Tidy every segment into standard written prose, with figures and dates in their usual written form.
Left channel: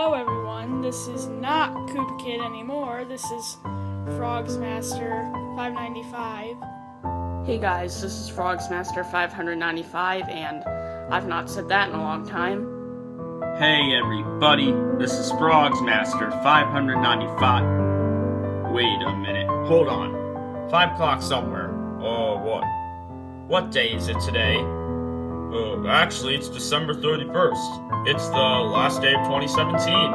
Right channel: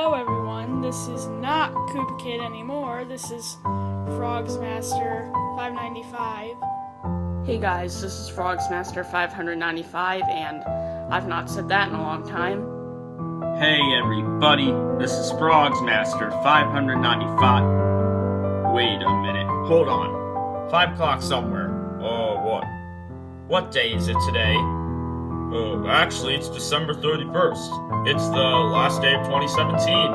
Hello everyone, this is not Koopa Kid anymore, this is FrogzMaster 595. Hey guys, this is FrogzMaster 595, and I've not said that in a long time. Hey everybody, this is FrogzMaster 595. Wait a minute, hold on. 5 o'clock somewhere. What? What day is it today? Actually, it's December 31st. It's the last day of 2017.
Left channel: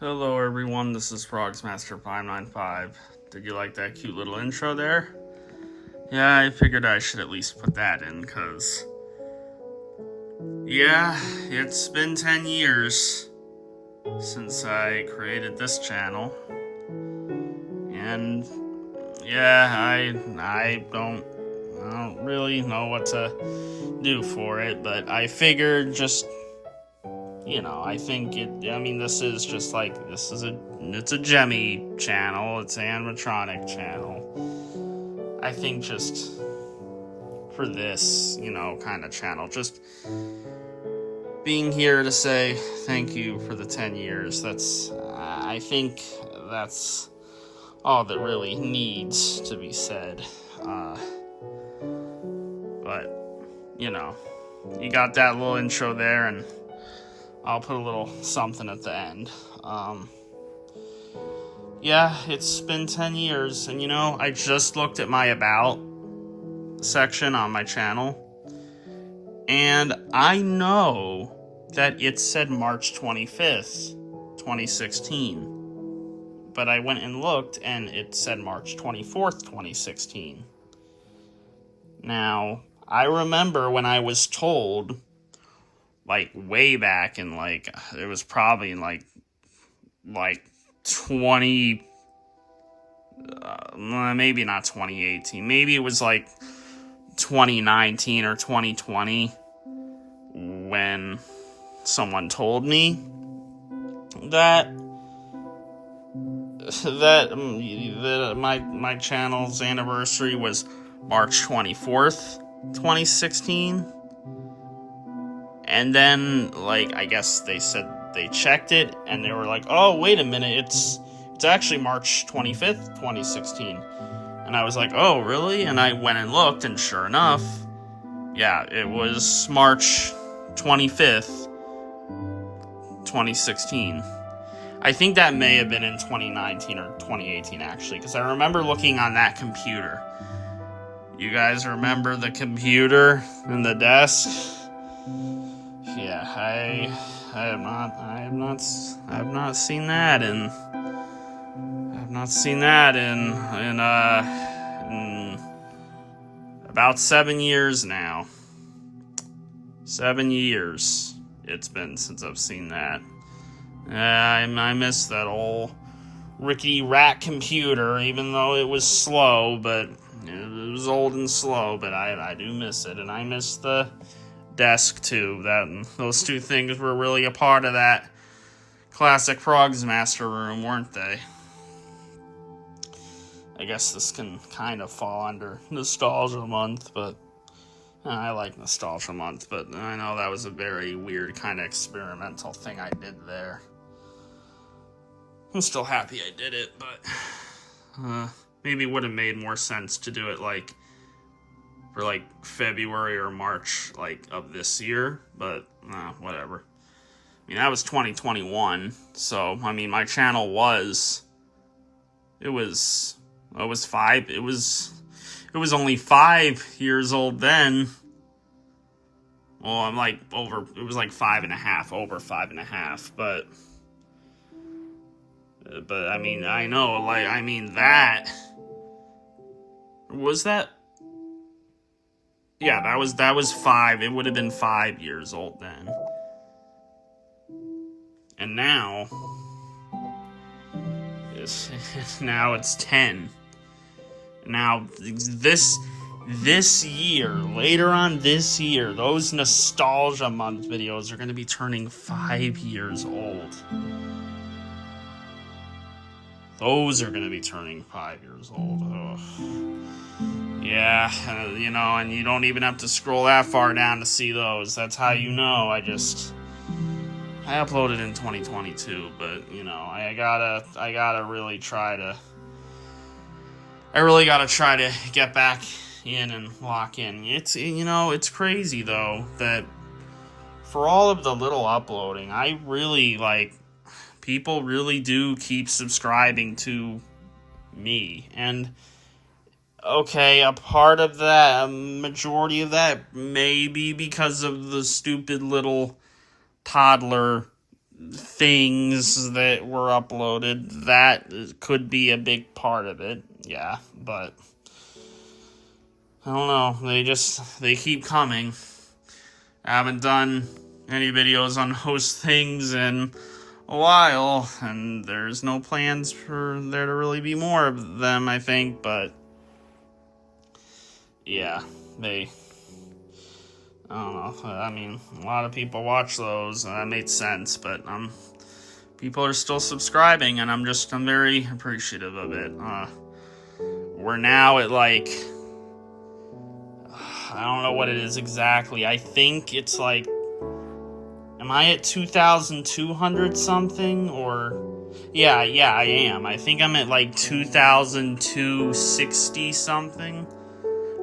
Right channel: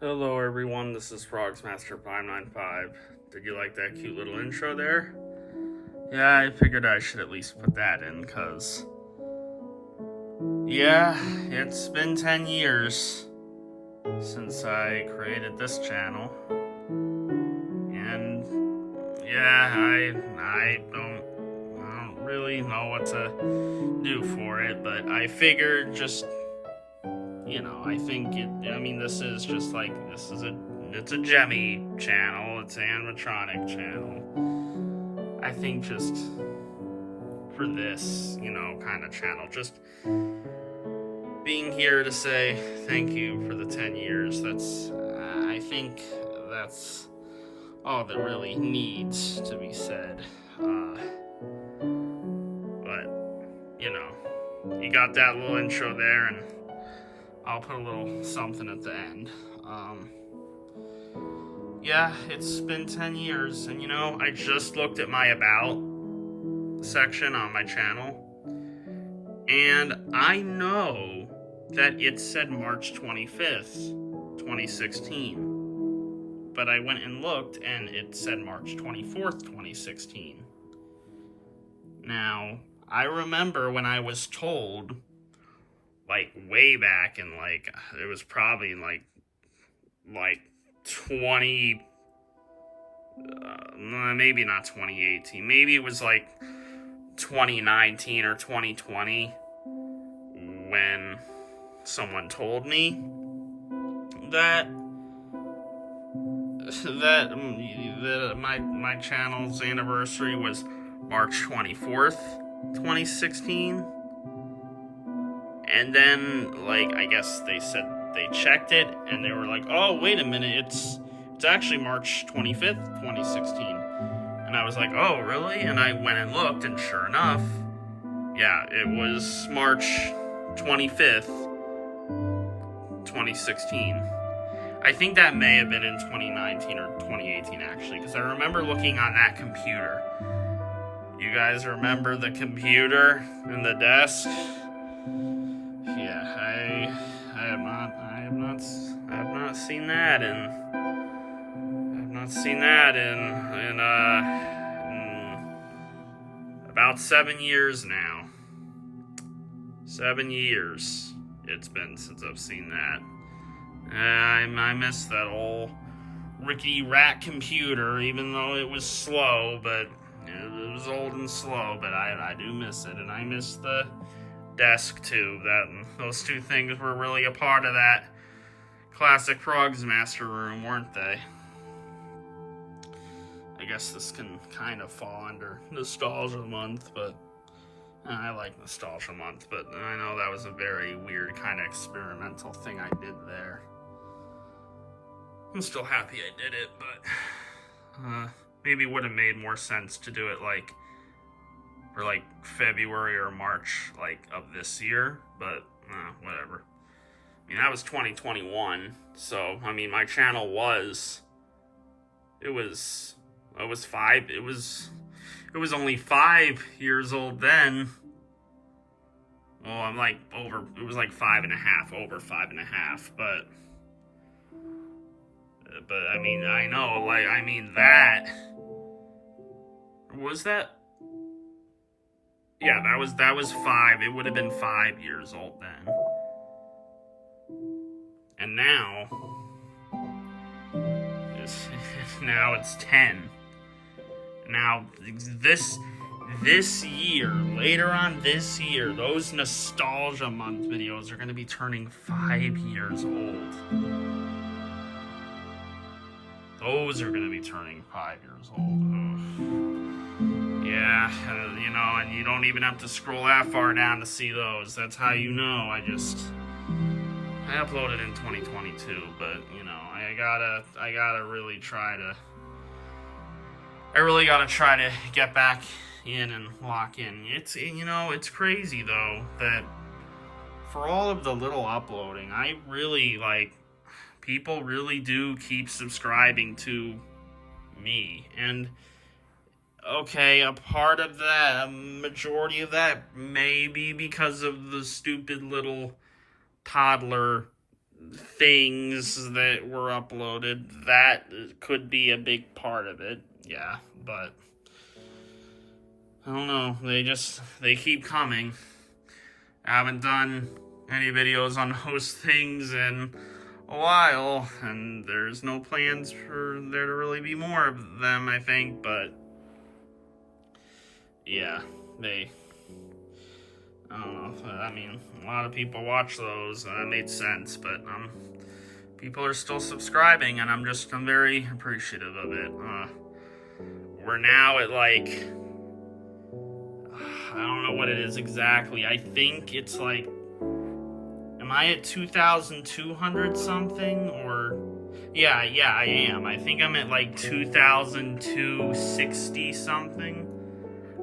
Hello everyone, this is FrogzMaster 595. Did you like that cute little intro there? Yeah, I figured I should at least put that in, because yeah, it's been 10 years since I created this channel. And yeah, I don't really know what to do for it, but I figured just, you know, I think this is just like, it's a Gemmy channel, it's an animatronic channel. I think just for this, kind of channel, just being here to say thank you for the 10 years, I think that's all that really needs to be said. But, you got that little intro there, and I'll put a little something at the end. Yeah, it's been 10 years, and I just looked at my About section on my channel, and I know that it said March 25th, 2016, but I went and looked, and it said March 24th, 2016. Now, I remember when I was told, way back in, it was probably in, 20, maybe not 2018, maybe it was, 2019 or 2020, when someone told me that my channel's anniversary was March 24th, 2016. And then, I guess they said they checked it, and they were like, oh, wait a minute, it's actually March 25th, 2016. And I was like, oh, really? And I went and looked, and sure enough, yeah, it was March 25th, 2016. I think that may have been in 2019 or 2018, actually, because I remember looking on that computer. You guys remember the computer and the desk? Yeah, I have not seen that in about 7 years now. 7 years it's been since I've seen that. I miss that old Rickety Rat computer, even though it was slow, but it was old and slow, but I do miss it, and I miss the desk too. Those two things were really a part of that classic FrogzMaster room, weren't they? I guess this can kind of fall under nostalgia month, but I like Nostalgia Month, but I know that was a very weird kind of experimental thing I did there. I'm still happy I did it, but maybe it would have made more sense to do it like for like February or March like of this year, but whatever. I mean, that was 2021, so I mean, my channel was only 5 years old then. Well, I'm like it was like 5.5, over 5.5, but I mean, I know, like, I mean, that was that. Yeah, that was 5. It would have been 5 years old then. And now it's 10. Now this year, later on this year, those Nostalgia Month videos are going to be turning 5 years old. Those are going to be turning 5 years old. Ugh. Yeah, you know, and you don't even have to scroll that far down to see those. That's how you know. I uploaded in 2022, but you know, I gotta really try to. I really gotta try to get back in and lock in. It's, you know, it's crazy though that for all of the little uploading, I really like. People really do keep subscribing to me, and okay, a part of that, a majority of that may be because of the stupid little toddler things that were uploaded. That could be a big part of it, yeah, but I don't know, they keep coming. I haven't done any videos on those things in a while, and there's no plans for there to really be more of them, I think, but yeah, I don't know, I mean, a lot of people watch those, and that made sense, but people are still subscribing, and I'm very appreciative of it. We're now at like, I don't know what it is exactly, I think it's like, am I at 2,200 something, or, yeah, I am, I think I'm at like 2,260 something.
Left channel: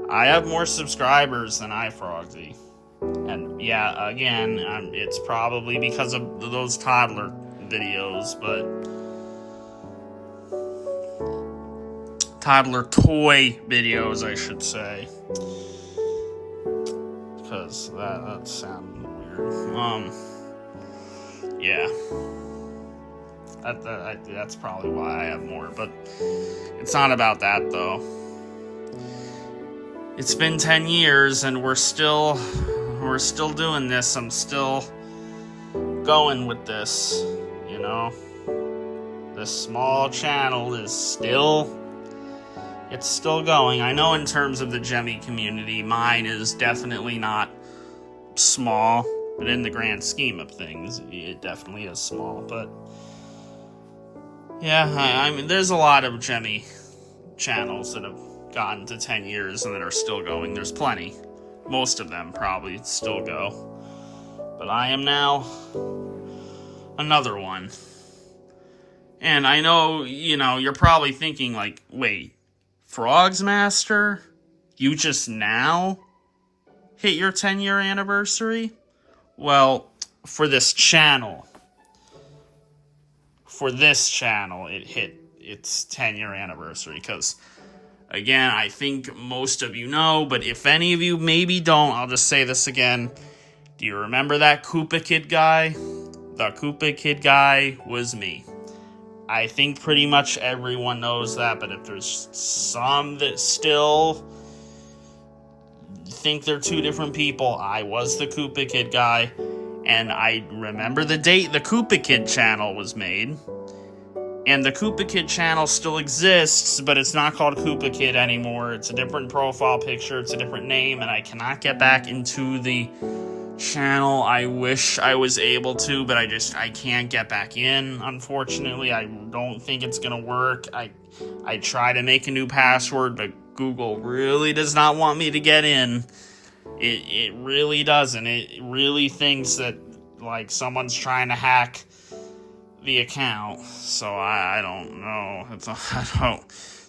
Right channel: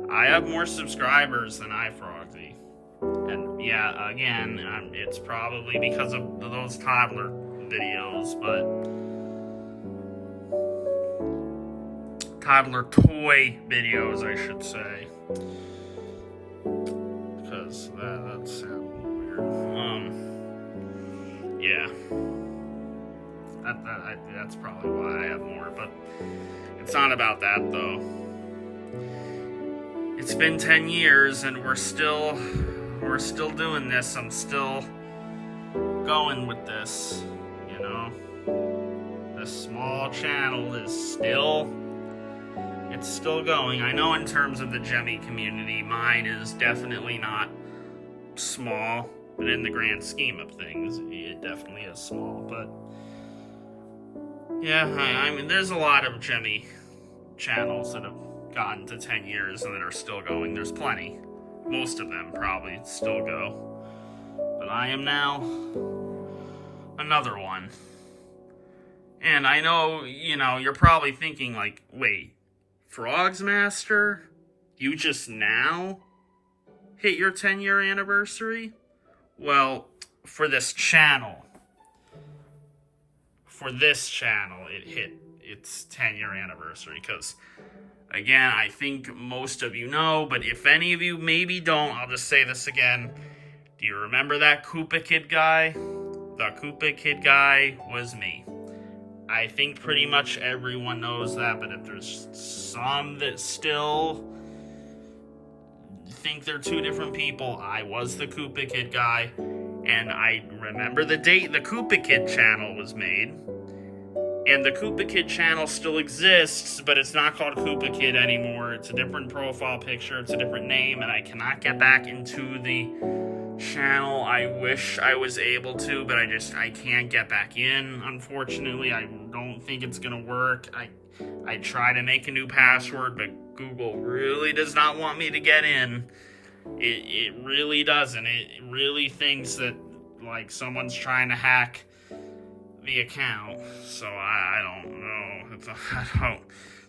I have more subscribers than iFrogzy. And yeah, again, it's probably because of those toddler videos, but toddler toy videos, I should say. Because that sounds weird. Yeah. That's probably why I have more, but it's not about that though. It's been 10 years and we're still doing this. I'm still going with this, you know. This small channel is still going. I know in terms of the Gemmy community, mine is definitely not small, but in the grand scheme of things, it definitely is small. But yeah, I mean, there's a lot of Gemmy channels that have gotten to 10 years and that are still going. There's plenty. Most of them probably still go. But I am now another one. And I know, you know, you're probably thinking like, wait, FrogzMaster? You just now hit your 10-year anniversary? Well, for this channel, it hit its 10-year anniversary, because again, I think most of you know, but if any of you maybe don't, I'll just say this again. Do you remember that Koopa Kid guy? The Koopa Kid guy was me. I think pretty much everyone knows that, but if there's some that still think they're two different people, I was the Koopa Kid guy, and I remember the date the Koopa Kid channel was made. And the Koopa Kid channel still exists, but it's not called Koopa Kid anymore. It's a different profile picture, it's a different name, and I cannot get back into the channel. I wish I was able to, but I can't get back in, unfortunately. I don't think it's gonna work. I try to make a new password, but Google really does not want me to get in. It really doesn't. It really thinks that, like, someone's trying to hack the account. So I don't know.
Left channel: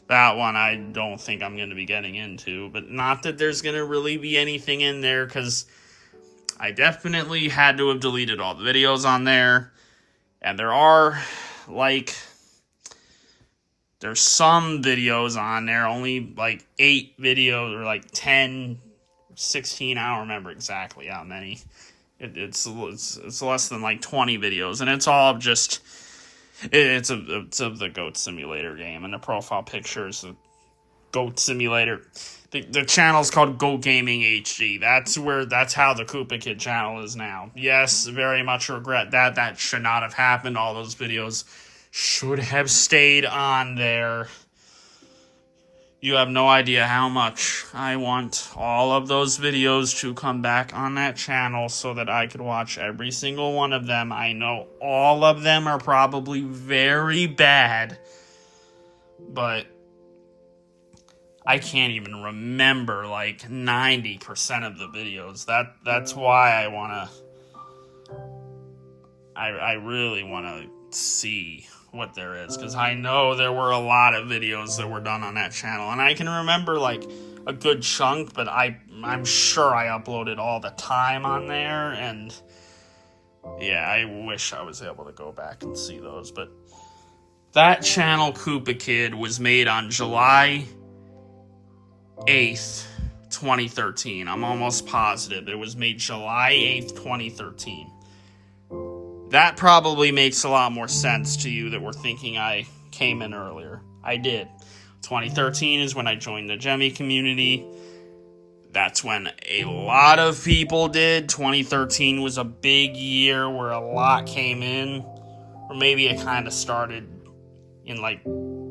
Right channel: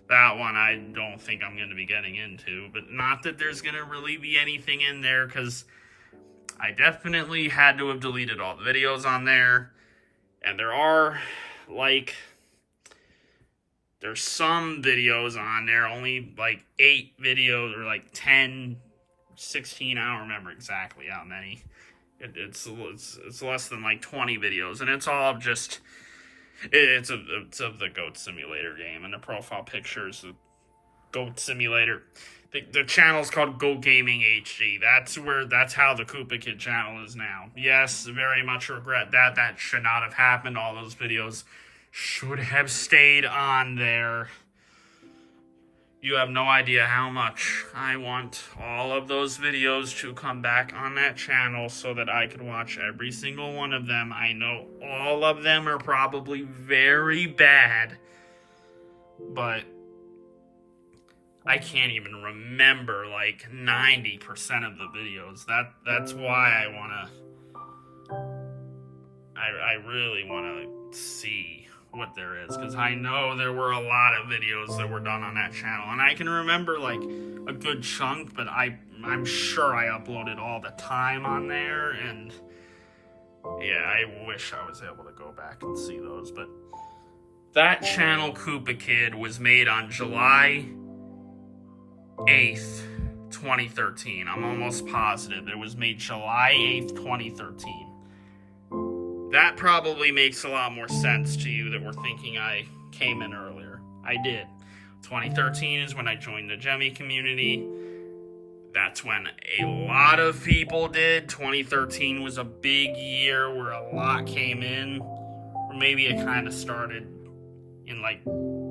That one I don't think I'm going to be getting into. But not that there's going to really be anything in there, because I definitely had to have deleted all the videos on there. And there are, like, there's some videos on there, only like 8 videos, or like 10, 16, I don't remember exactly how many. It's less than like 20 videos, and it's all just, it's of the Goat Simulator game, and the profile picture is a Goat Simulator. The channel's called Go Gaming HD. That's how the Koopa Kid channel is now. Yes, very much regret that. That should not have happened. All those videos should have stayed on there. You have no idea how much I want all of those videos to come back on that channel so that I could watch every single one of them. I know all of them are probably very bad, but I can't even remember like 90% of the videos. That's why I really want to see what there is, because I know there were a lot of videos that were done on that channel, and I can remember like a good chunk, but I'm sure I uploaded all the time on there, and yeah, I wish I was able to go back and see those. But that channel, Koopa Kid, was made on July 8th, 2013. I'm almost positive it was made July 8th, 2013. That probably makes a lot more sense to you that were thinking I came in earlier. I did. 2013 is when I joined the Gemmy community. That's when a lot of people did. 2013 was a big year where a lot came in. Or maybe it kind of started in like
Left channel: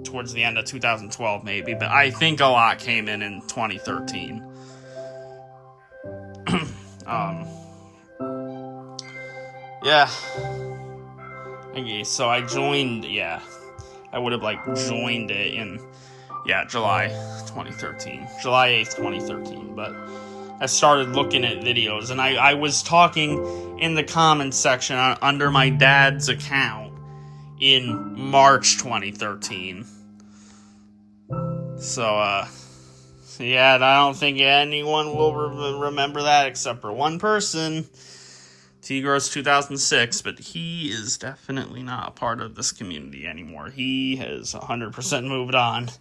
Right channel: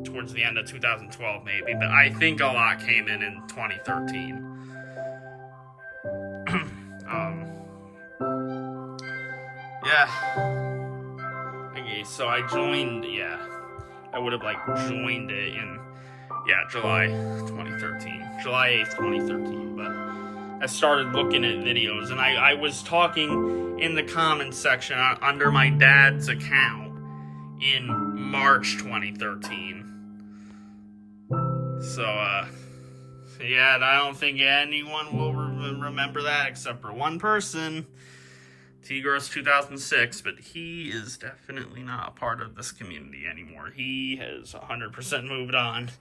towards the end of 2012 maybe. But I think a lot came in 2013. Yeah. Okay, so I joined, I would have, like, joined it in, July 2013. July 8th, 2013. But I started looking at videos, and I was talking in the comments section under my dad's account in March 2013. So, I don't think anyone will remember that except for one person. T-Gross 2006, but he is definitely not a part of this community anymore. He has 100% moved on.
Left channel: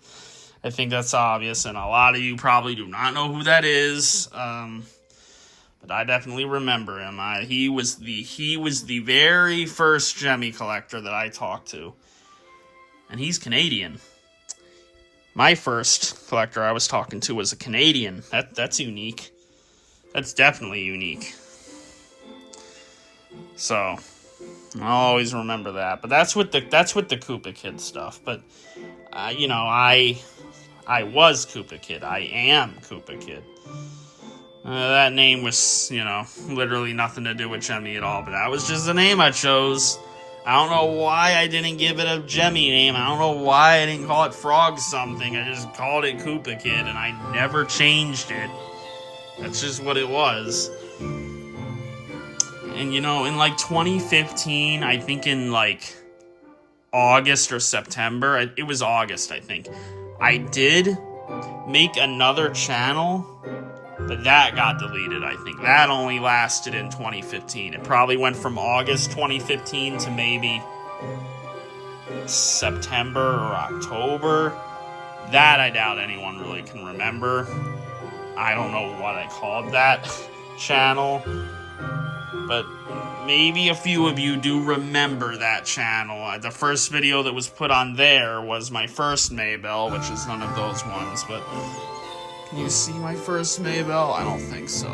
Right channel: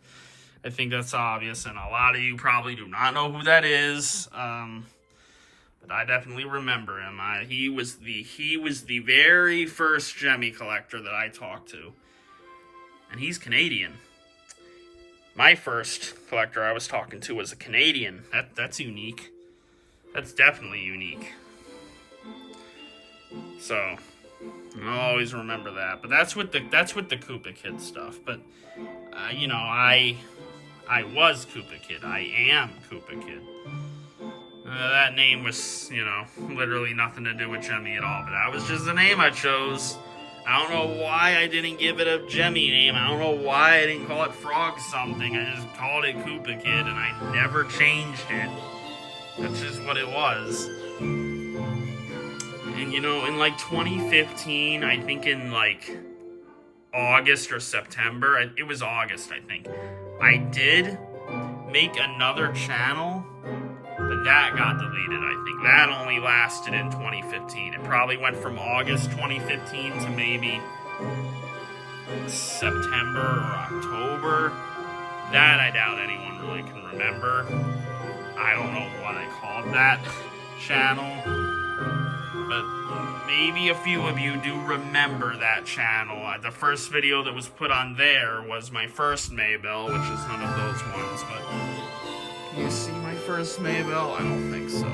I think that's obvious, and a lot of you probably do not know who that is. But I definitely remember him. He was the very first Gemmy collector that I talked to, and he's Canadian. My first collector I was talking to was a Canadian. That's unique. That's definitely unique. So I'll always remember that. But that's with the Koopa Kid stuff. But I was Koopa Kid. I am Koopa Kid. That name was, literally nothing to do with Gemmy at all. But that was just the name I chose. I don't know why I didn't give it a Gemmy name. I don't know why I didn't call it Frog something. I just called it Koopa Kid, and I never changed it. That's just what it was. And, in, like, 2015, I think in, like, August or September, it was August, I think, I did make another channel, but that got deleted, I think. That only lasted in 2015. It probably went from August 2015 to maybe September or October. That I doubt anyone really can remember. I don't know what I called that channel. But maybe a few of you do remember that channel. The first video that was put on there was my first Maybell, which is none of those ones. But can you see my first Maybell? I don't think so.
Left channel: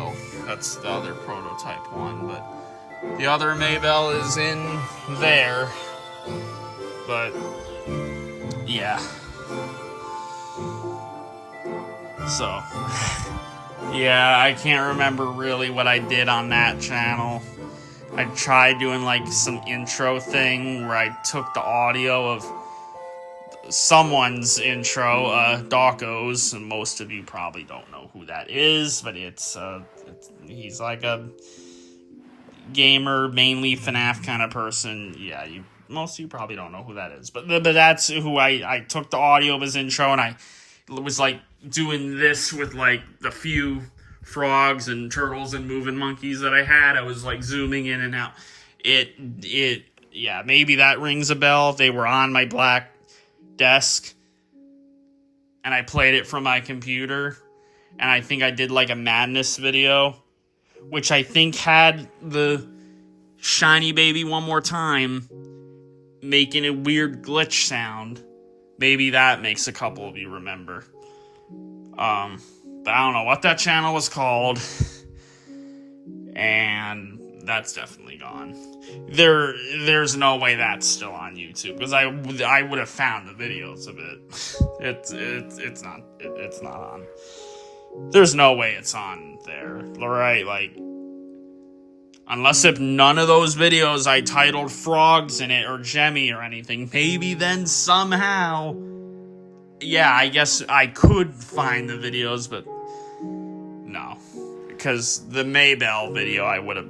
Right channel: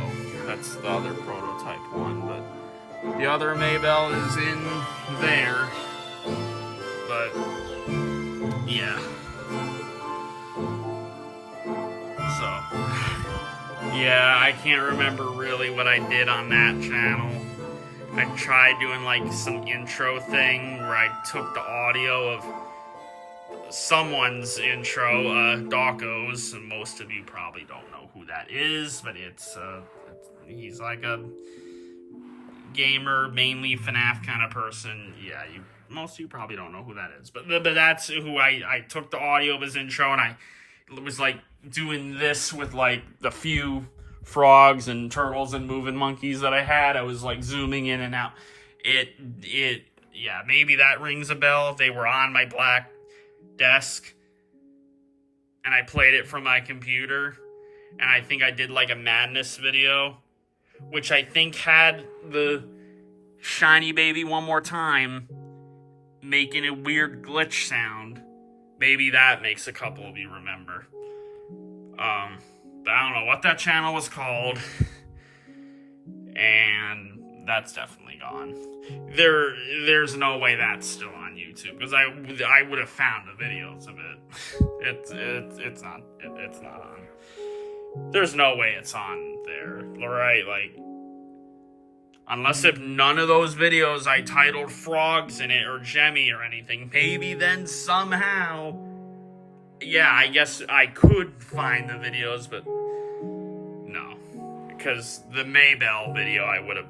That's the other prototype one. But the other Maybell is in there. But yeah. So yeah, I can't remember really what I did on that channel. I tried doing like some intro thing where I took the audio someone's intro, Dawko's, and most of you probably don't know who that is, but he's like a gamer, mainly FNAF kind of person. Yeah, most of you probably don't know who that is, but that's who I took the audio of his intro, and I was like doing this with like the few frogs and turtles and moving monkeys that I had. I was like zooming in and out. Yeah, maybe that rings a bell. They were on my black desk, and I played it from my computer, and I think I did like a madness video, which I think had the shiny baby one more time making a weird glitch sound. Maybe that makes a couple of you remember. But I don't know what that channel was called, and that's definitely gone. There's no way that's still on YouTube, because I would have found the videos of it. It's not on. There's no way it's on there, right? Like, unless if none of those videos I titled frogs in it or Jemmy or anything, maybe then somehow, yeah, I guess I could find the videos, but no, because the Maybell video, I would have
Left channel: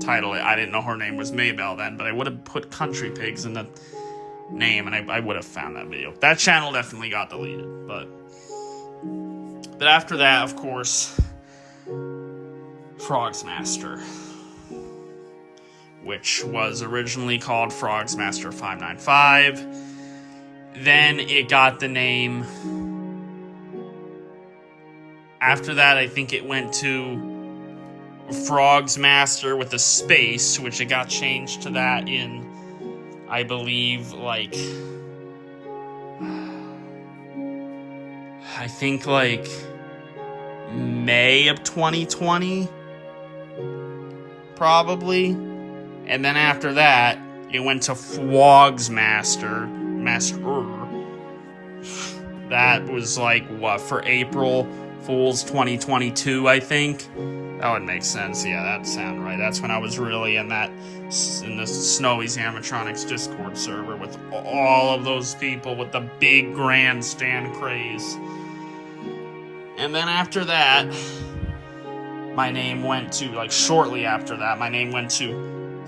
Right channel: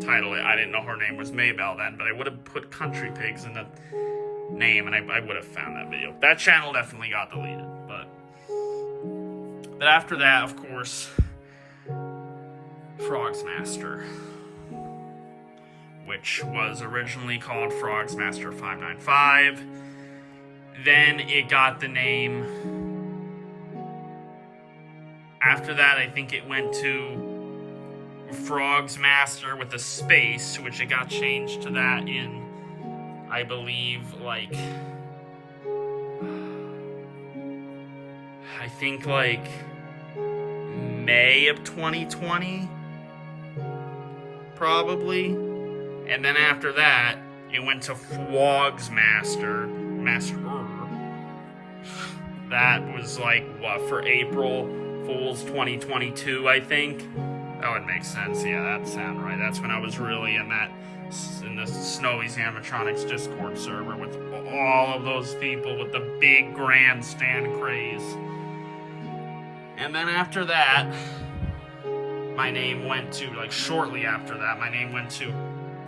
titled it. I didn't know her name was Maybell then, but I would have put Country Pigs in the name, and I would have found that video. That channel definitely got deleted, but after that, of course, FrogzMaster, which was originally called FrogzMaster 595. Then it got the name. After that, I think it went to FrogzMaster with a space, which it got changed to that in, I believe, like, I think like May of 2020, probably. And then after that, it went to FrogzMaster. That was like, what, for April Fool's 2022, I think? That would make sense. Yeah, that sounds right. That's when I was really in the Snowy's Animatronics Discord server with all of those people with the big grandstand craze. And then after that, my name went to, like, shortly after that, my name went to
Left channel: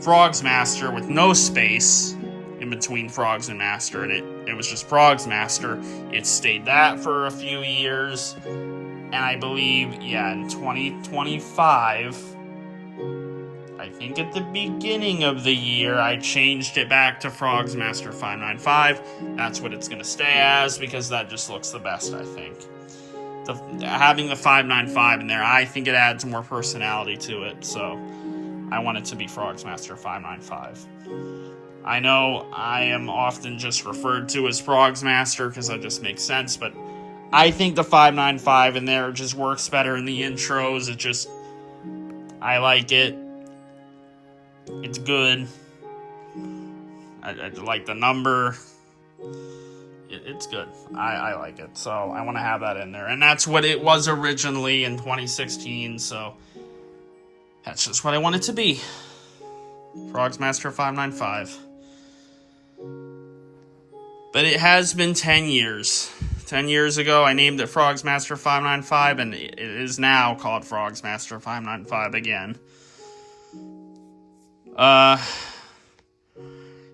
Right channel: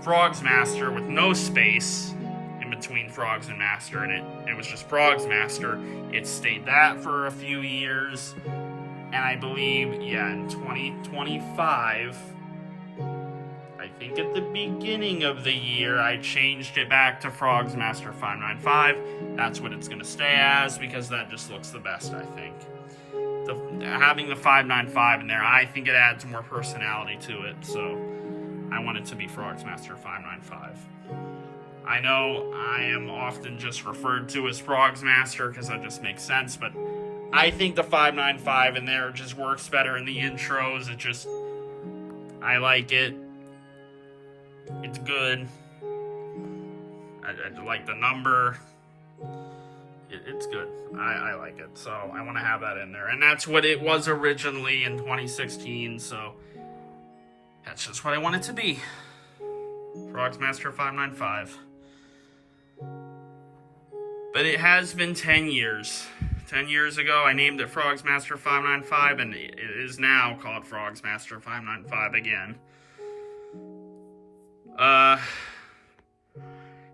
FrogzMaster with no space in between Frogs and Master, and it was just FrogzMaster. It stayed that for a few years, and I believe, yeah, in 2025, I think at the beginning of the year, I changed it back to FrogzMaster 595. That's what it's going to stay as, because that just looks the best, I think. Having the 595 in there, I think it adds more personality to it, so I want it to be FrogzMaster 595. I know I am often just referred to as FrogzMaster because that just makes sense, but I think the 595 in there just works better in the intros. I like it. It's good. I like the number. It's good. I like it, so I want to have that in there. And that's what it was originally in 2016, so that's just what I want it to be. FrogzMaster 595. But it has been 10 years. 10 years ago, I named it FrogzMaster 595, and it is now called FrogzMaster 595 again.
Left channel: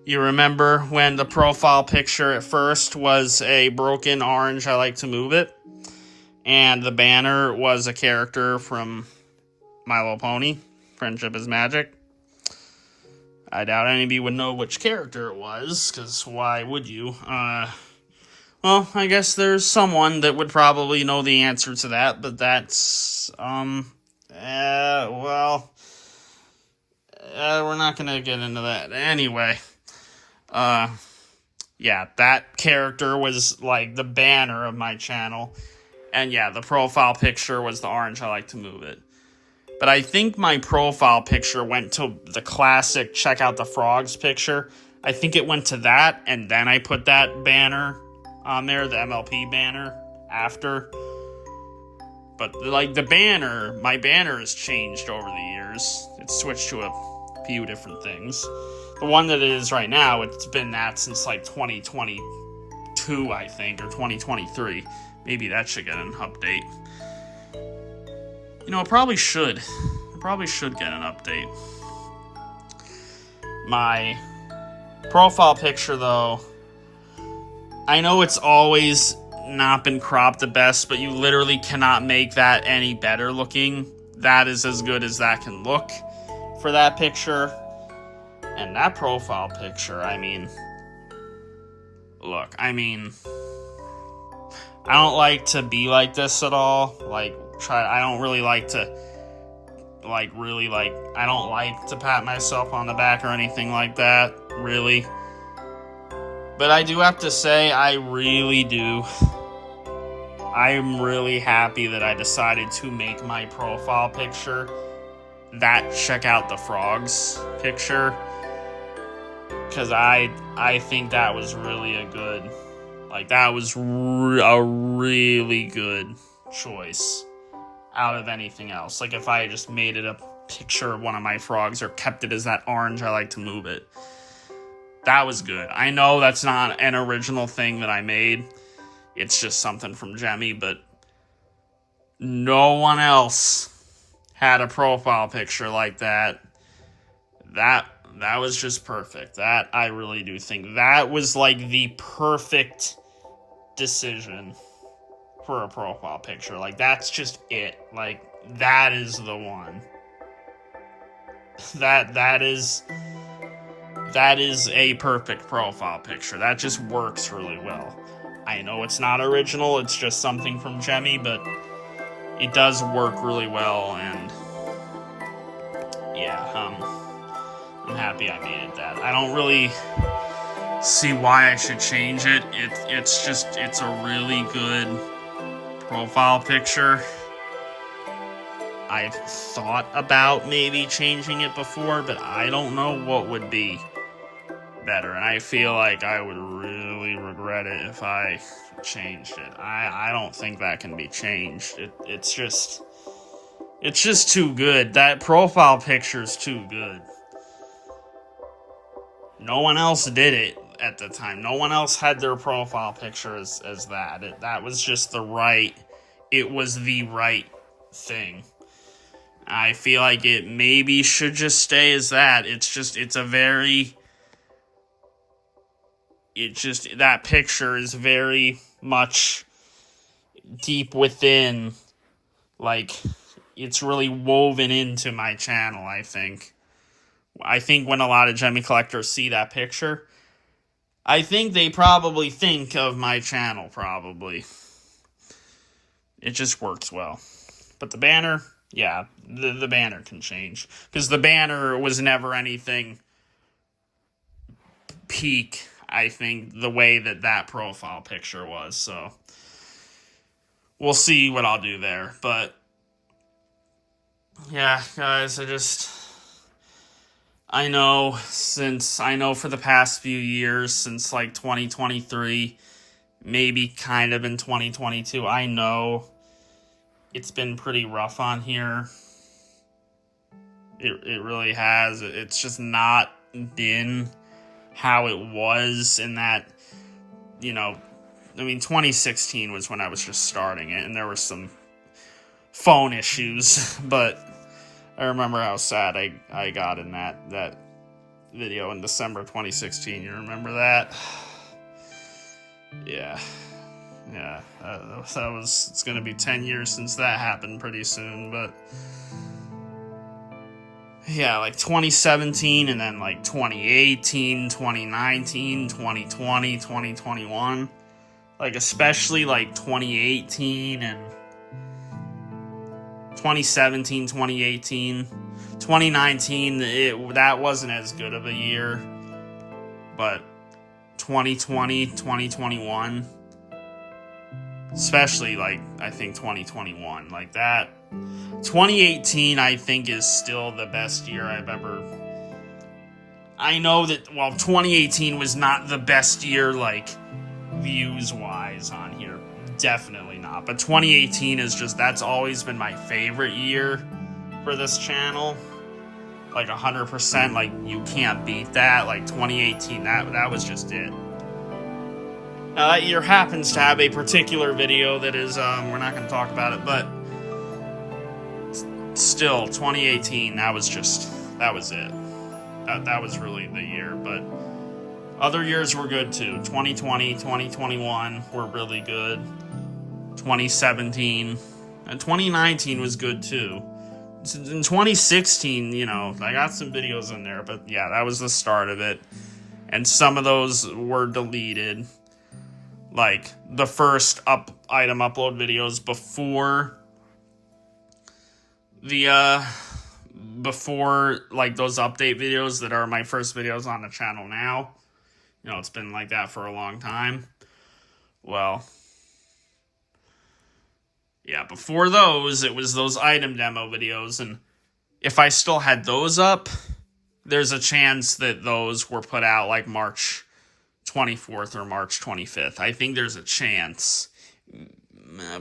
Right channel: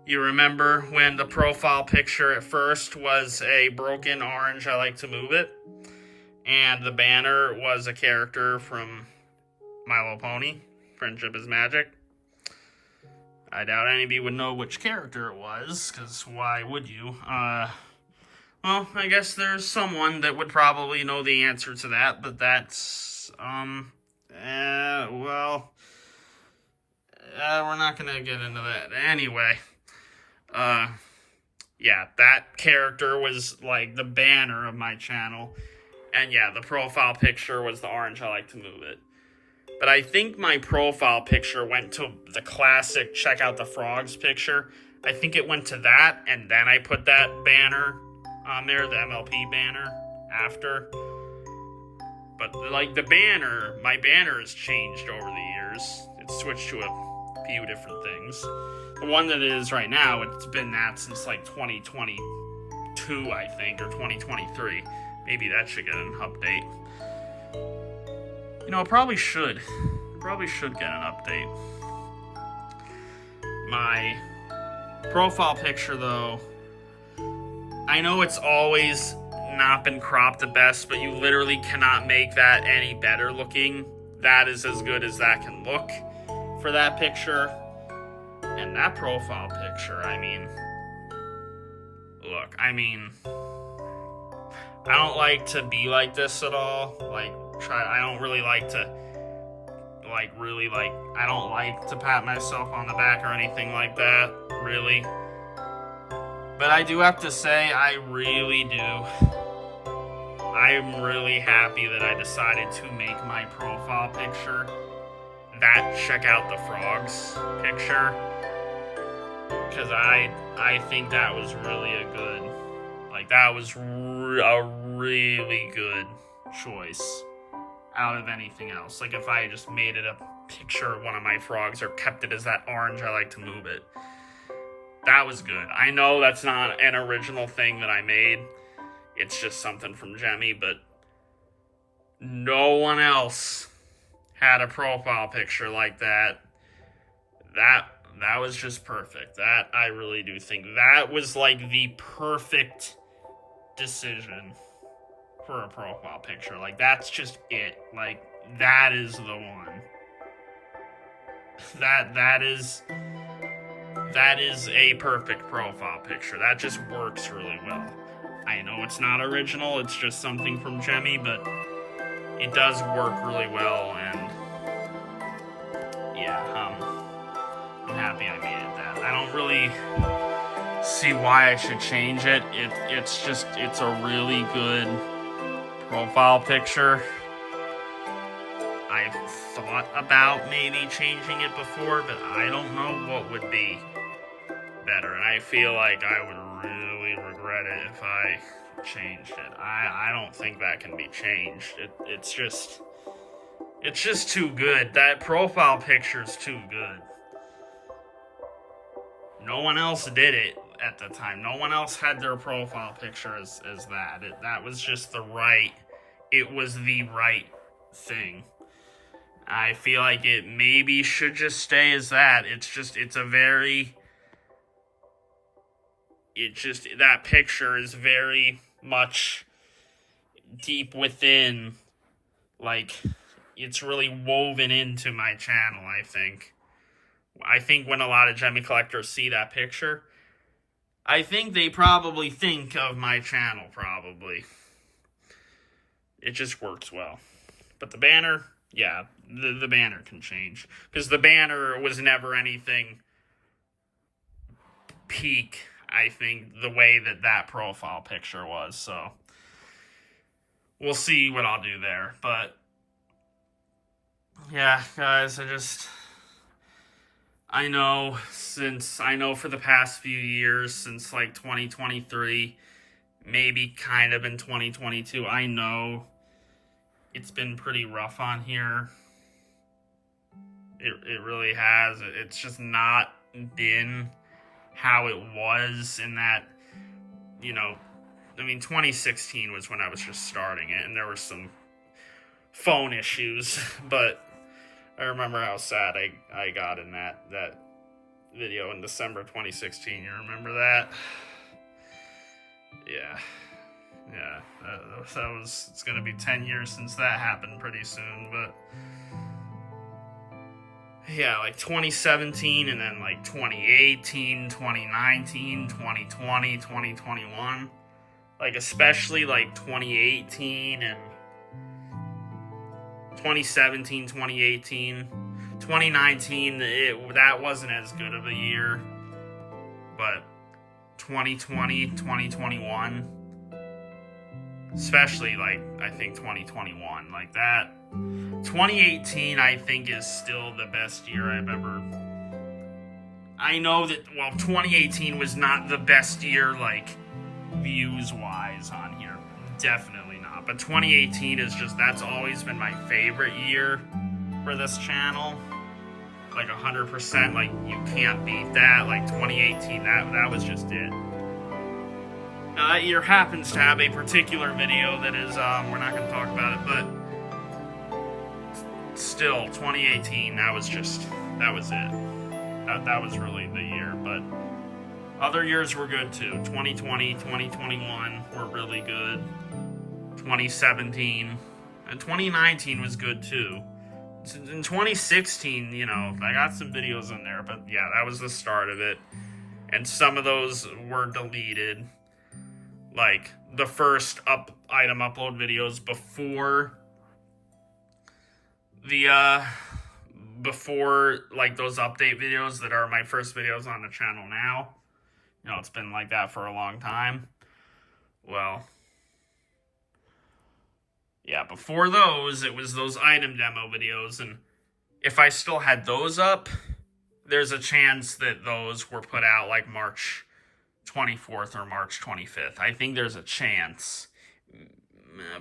You remember when the profile picture at first was a broken orange I Like to Move It, and the banner was a character from My Little Pony, Friendship is Magic? I doubt any of you would know which character it was, because why would you? Well, I guess there's someone that would probably know the answer to that, but that's, we're not gonna get into that. Anyway, yeah, that character was, like, the banner of my channel, and yeah, the profile picture was the orange I Like to Move It. But I think my profile picture went to the classic check out the frogs picture. I think it went to that, and then I put that banner on there, the MLP banner, after. But, like, the banner, my banner has changed over the years. It's switched to a few different things. The one that it is right now, it's been that since, like, 2022 2022, I think, or 2023. Maybe that should get an update. You know, it probably should. It probably should get an update. My profile picture, though, I know it's always not been cropped the best, but you literally cannot make that any better looking. That is as good as that can look for that picture. And that profile picture, I mean, look, I mean, I don't like to be like this at all. I don't really like to, I don't like to pat myself on the back or anything like that, really. But I do have to say, I really do. I'm really happy that I decided to make my profile picture that check out the frogs picture. Because I think that was really a good, that was a really good choice out of anything else. Like, if I had just made it a picture of one of my frogs or kept it as that orange, I like to move it. That was good. I know that's not an original thing that I made. It's just something from Jemmy, but no one else had a profile picture like that. That was just perfect. That, I really do think that was like the perfect decision for a profile picture. Like, that's just it. Like, that is the one. That is a perfect profile picture. That just works really well. I know it's not original, it's just something from Jemmy, but it does work really well, and yeah, I'm happy I made it that. I don't really see why I should change it. It's a really good profile picture. I've thought about maybe changing it before, but I don't know what would be better. And I feel like I would really regret it if I changed it. I don't think that can be changed. It's just too good. That profile picture is too good. No one else did it at the time. No one else had their profile picture as that. That was just it was the right thing. I feel like it maybe should just stay as that. That picture is very much deep within, like, it's really woven into my channel, I think. I think when a lot of Jemmy collectors see that picture, I think they probably think of my channel, probably. It just works well. But the banner, yeah, the banner can change. Because the banner was never anything peak, I think, the way that profile picture was. So we'll see what I'll do there. But yeah, guys, I know for the past few years, since like 2023, maybe kind of in 2022, I know it's been pretty rough on here. It really has. It's just not been how it was in that, 2016 was when I was just starting it, and there were some phone issues, but I remember how sad I got in that video in December 2016. You remember that? Yeah, it's gonna be 10 years since that happened pretty soon, but yeah, like 2017, and then like 2018, 2019, 2020, 2021, like especially like 2018 and 2017, 2018, 2019, that wasn't as good of a year, but 2020, 2021, especially like, I think 2021, like that, 2018, I think, is still the best year I've ever, I know that, 2018 was not the best year, like, views-wise on here, definitely not, but 2018 is that's always been my favorite year for this channel, like 100%, like, you can't beat that, like, 2018, that was just it. That year happens to have a particular video that is, we're not going to talk about it, but still, 2018, that was it. That was really the year, but other years were good too. 2020, 2021 were really good. 2017 and 2019 was good too. In 2016, you know, I got some videos in there, but yeah, that was the start of it. And some of those were deleted. Like the first item upload videos before the before like those update videos that are my first videos on the channel now. You know, it's been like that for a long time. Well, yeah, before those, it was those item demo videos, and if I still had those up, there's a chance that those were put out like March 24th or March 25th. I think there's a chance.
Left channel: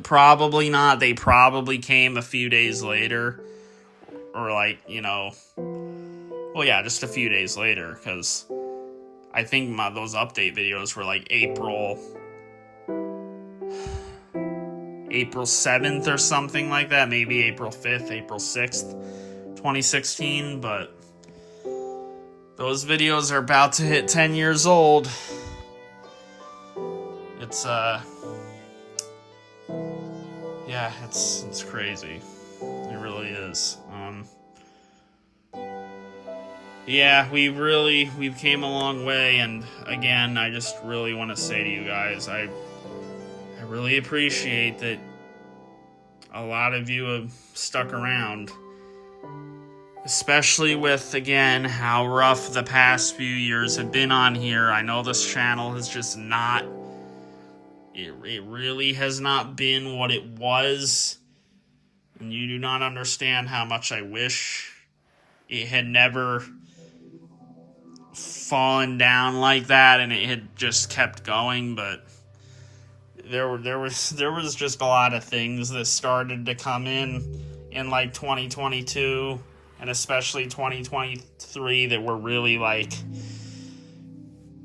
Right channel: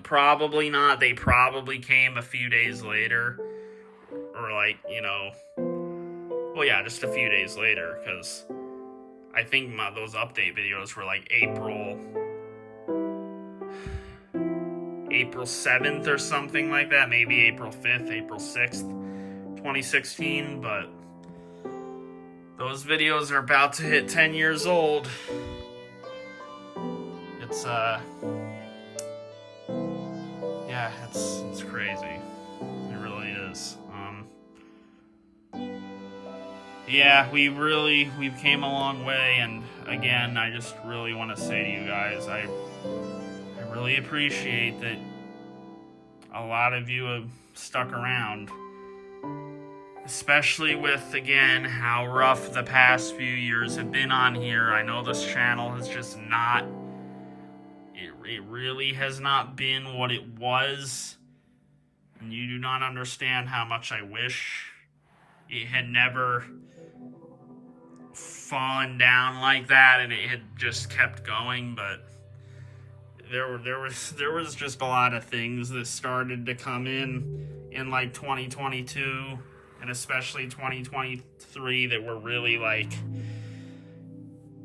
Probably not. They probably came a few days later. Or like, you know... Well, yeah, just a few days later. Because I think those update videos were like April 7th or something like that. Maybe April 5th, April 6th, 2016. But those videos are about to hit 10 years old. It's, yeah, it's crazy. It really is. Yeah, we've came a long way, and again, I just really want to say to you guys, I really appreciate that a lot of you have stuck around. Especially with, again, how rough the past few years have been on here. I know this channel has just not... It really has not been what it was. And you do not understand how much I wish it had never fallen down like that and it had just kept going. But there was just a lot of things that started to come in like 2022 and especially 2023 that were really like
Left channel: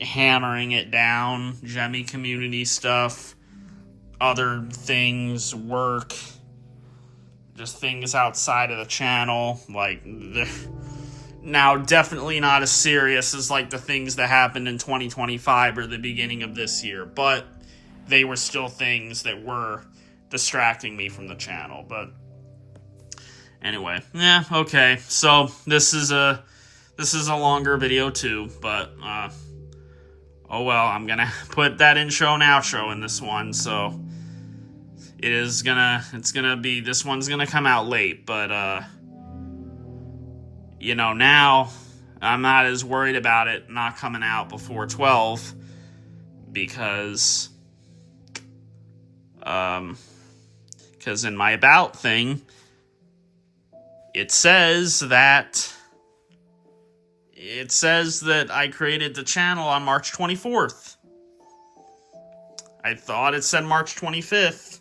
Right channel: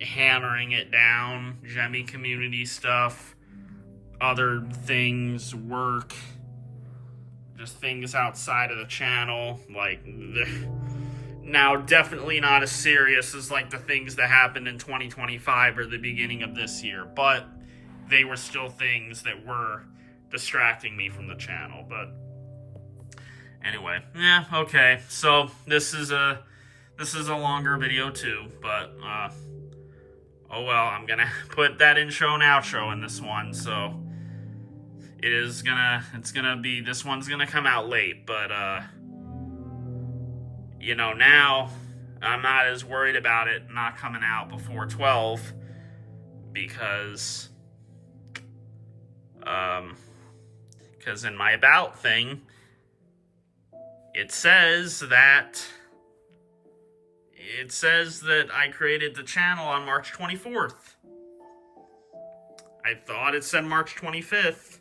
hammering it down. Gemmy community stuff, other things, work, just things outside of the channel, like now definitely not as serious as like the things that happened in 2025 or the beginning of this year, but they were still things that were distracting me from the channel. But anyway, yeah, okay, so this is a longer video too, but oh well, I'm gonna put that intro and outro in this one, so this one's gonna come out late, but you know, now I'm not as worried about it not coming out before 12 because in my about thing it says that I created the channel on March 24th. I thought it said March 25th.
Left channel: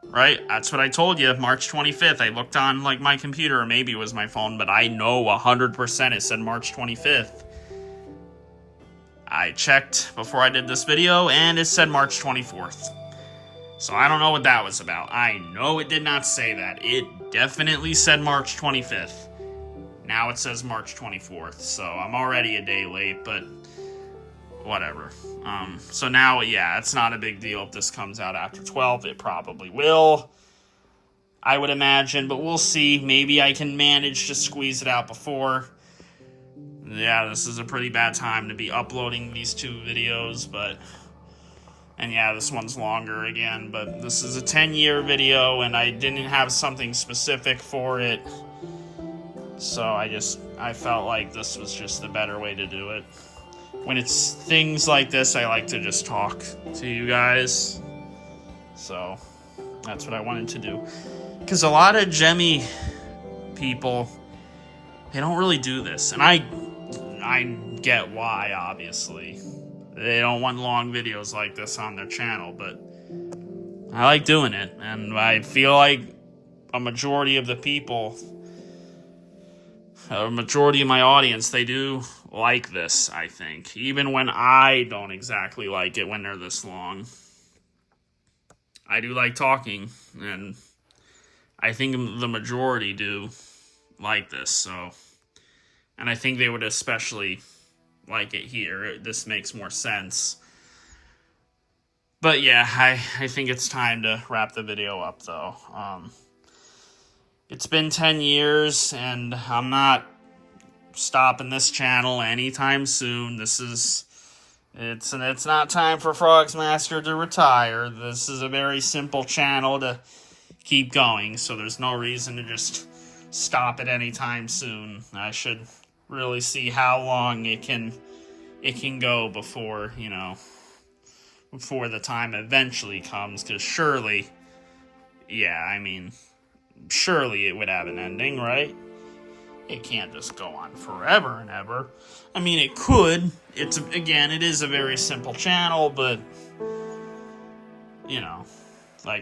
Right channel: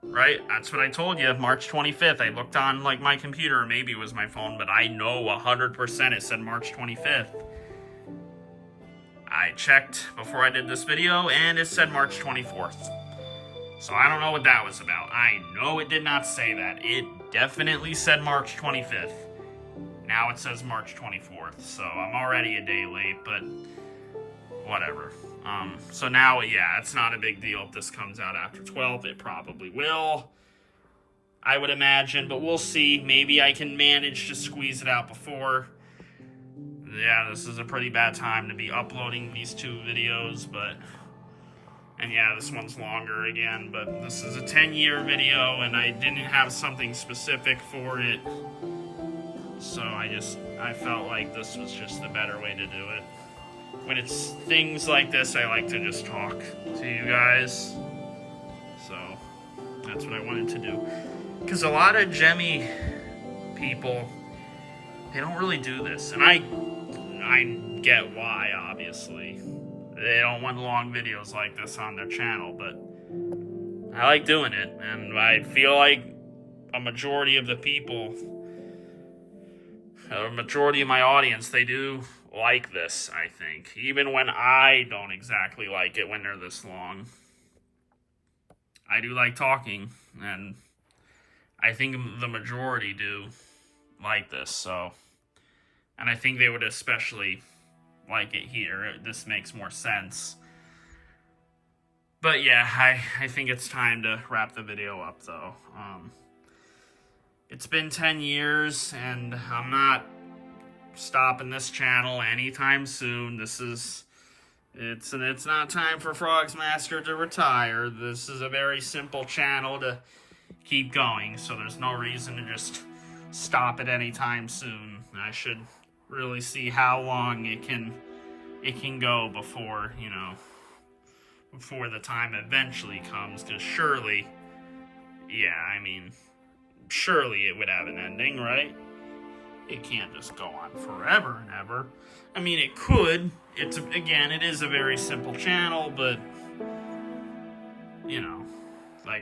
Right? That's what I told you, March 25th. I looked on like my computer, or maybe it was my phone, but I know 100% it said March 25th. I checked before I did this video, and it said March 24th. So I don't know what that was about. I know it did not say that. It definitely said March 25th. Now it says March 24th, so I'm already a day late, but whatever. So now, yeah, it's not a big deal if this comes out after 12. It probably will, I would imagine, but we'll see. Maybe I can manage to squeeze it out before. Yeah, this is a pretty bad time to be uploading these two videos, but... And yeah, this one's longer again, but this is a 10-year video, and I didn't have something specific for it. So I felt like this was just the better way to do it. When it's things like this, I like to just talk to you guys. So that's what I wanted to do. Because a lot of Gemmy people, they don't really do this. And I get why, obviously. They don't want long videos like this on their channel, but I like doing it. And I feel like a majority of the people, a majority of my audience, they do like this, I think. Even when I don't exactly like it when they're this long. I do like talking, and I think the majority do like this, so. And I think they would especially like it here. This makes more sense. But yeah, I think it's time to wrap the video up, though. It's been 10 years, and I'm not stopping this channel anytime soon. It's not time for FrogzMaster to retire. This is a very simple channel to keep going, so there's no reason to just stop it anytime soon. I should really see how long it can go before, before the time eventually comes, because surely it would have an ending, right? It can't just go on forever and ever. I mean, it could. It is a very simple channel, but,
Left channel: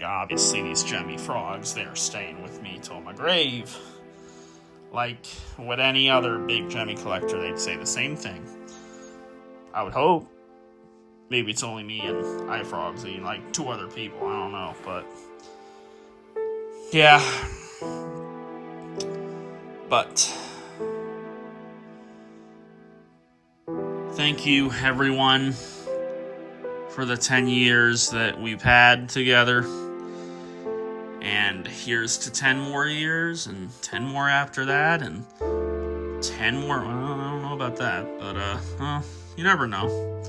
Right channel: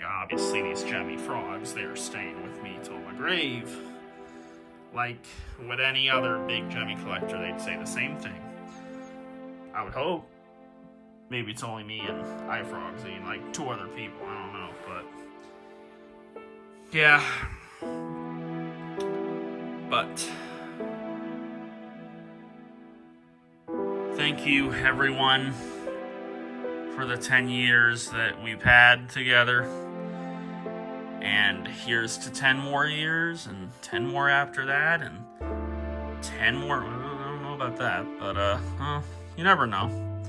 obviously these gemmy frogs, they're staying with me till my grave. Like, with any other big gemmy collector, they'd say the same thing. I would hope. Maybe it's only me and iFrogsy, like 2 other people, I don't know, but yeah. But thank you, everyone, for the 10 years that we've had together. And here's to 10 more years, and 10 more after that, and 10 more. I don't know about that, but you never know.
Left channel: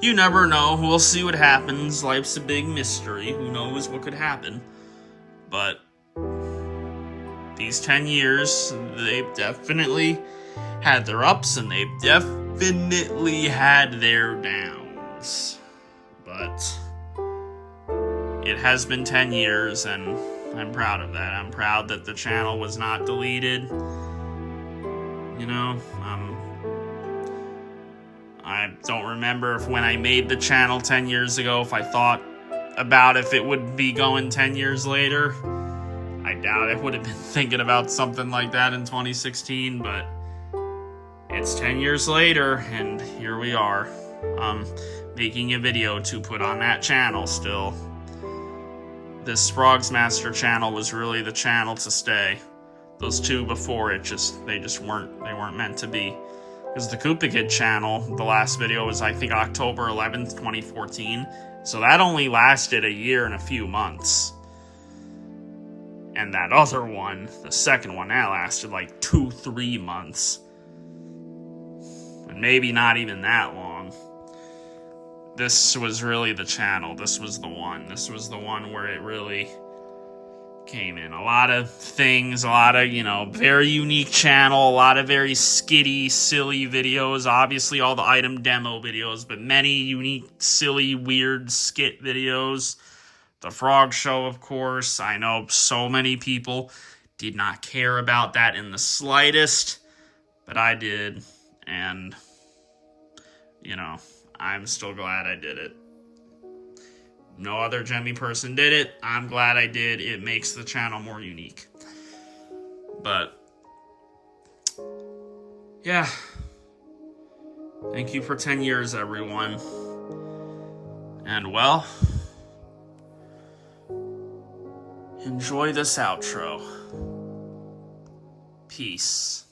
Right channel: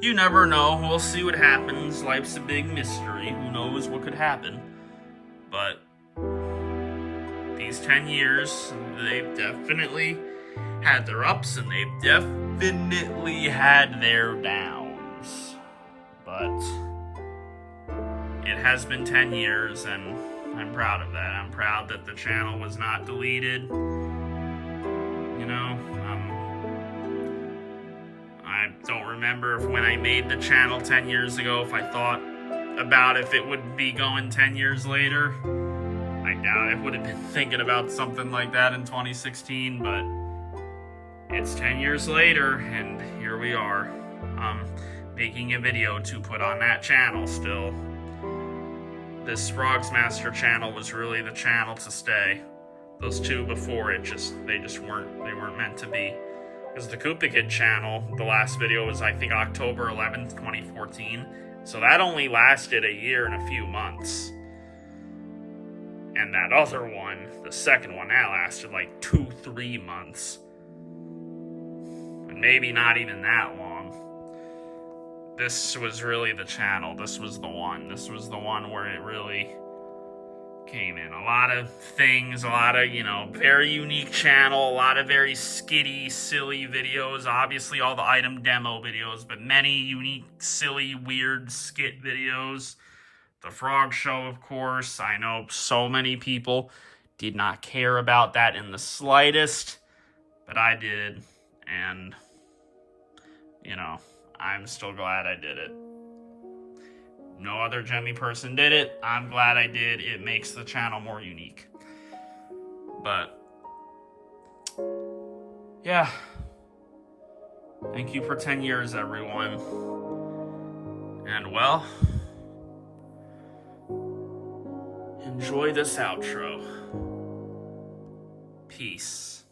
You never know. We'll see what happens. Life's a big mystery. Who knows what could happen? But these 10 years, they've definitely had their ups, and they've definitely had their downs. But it has been 10 years, and I'm proud of that. I'm proud that the channel was not deleted. I don't remember if when I made the channel 10 years ago, if I thought about if it would be going 10 years later. I doubt I would have been thinking about something like that in 2016, but it's 10 years later, and here we are, making a video to put on that channel still. This FrogzMaster channel was really the channel to stay. Those 2 before it they weren't meant to be. Because the Koopa Kid channel, the last video was, I think, October 11th, 2014. So that only lasted a year and a few months. And that other one, the second one, that lasted like 2-3 months. And maybe not even that long. This was really the channel. This was the one. This was the one where it really came in. A lot of things, a lot of, very unique channel, a lot of very skitty, silly videos. Obviously, all the item demo videos, but many unique, silly, weird skit videos. The Frog Show, of course. I know so many people did not care about that in the slightest, but I did, and, I'm still glad I did it. No other gemmy person did it. I'm glad I did. It makes the channel more unique. But, yeah. Thank you for 10 years, everyone. And, well, enjoy this outro. Peace.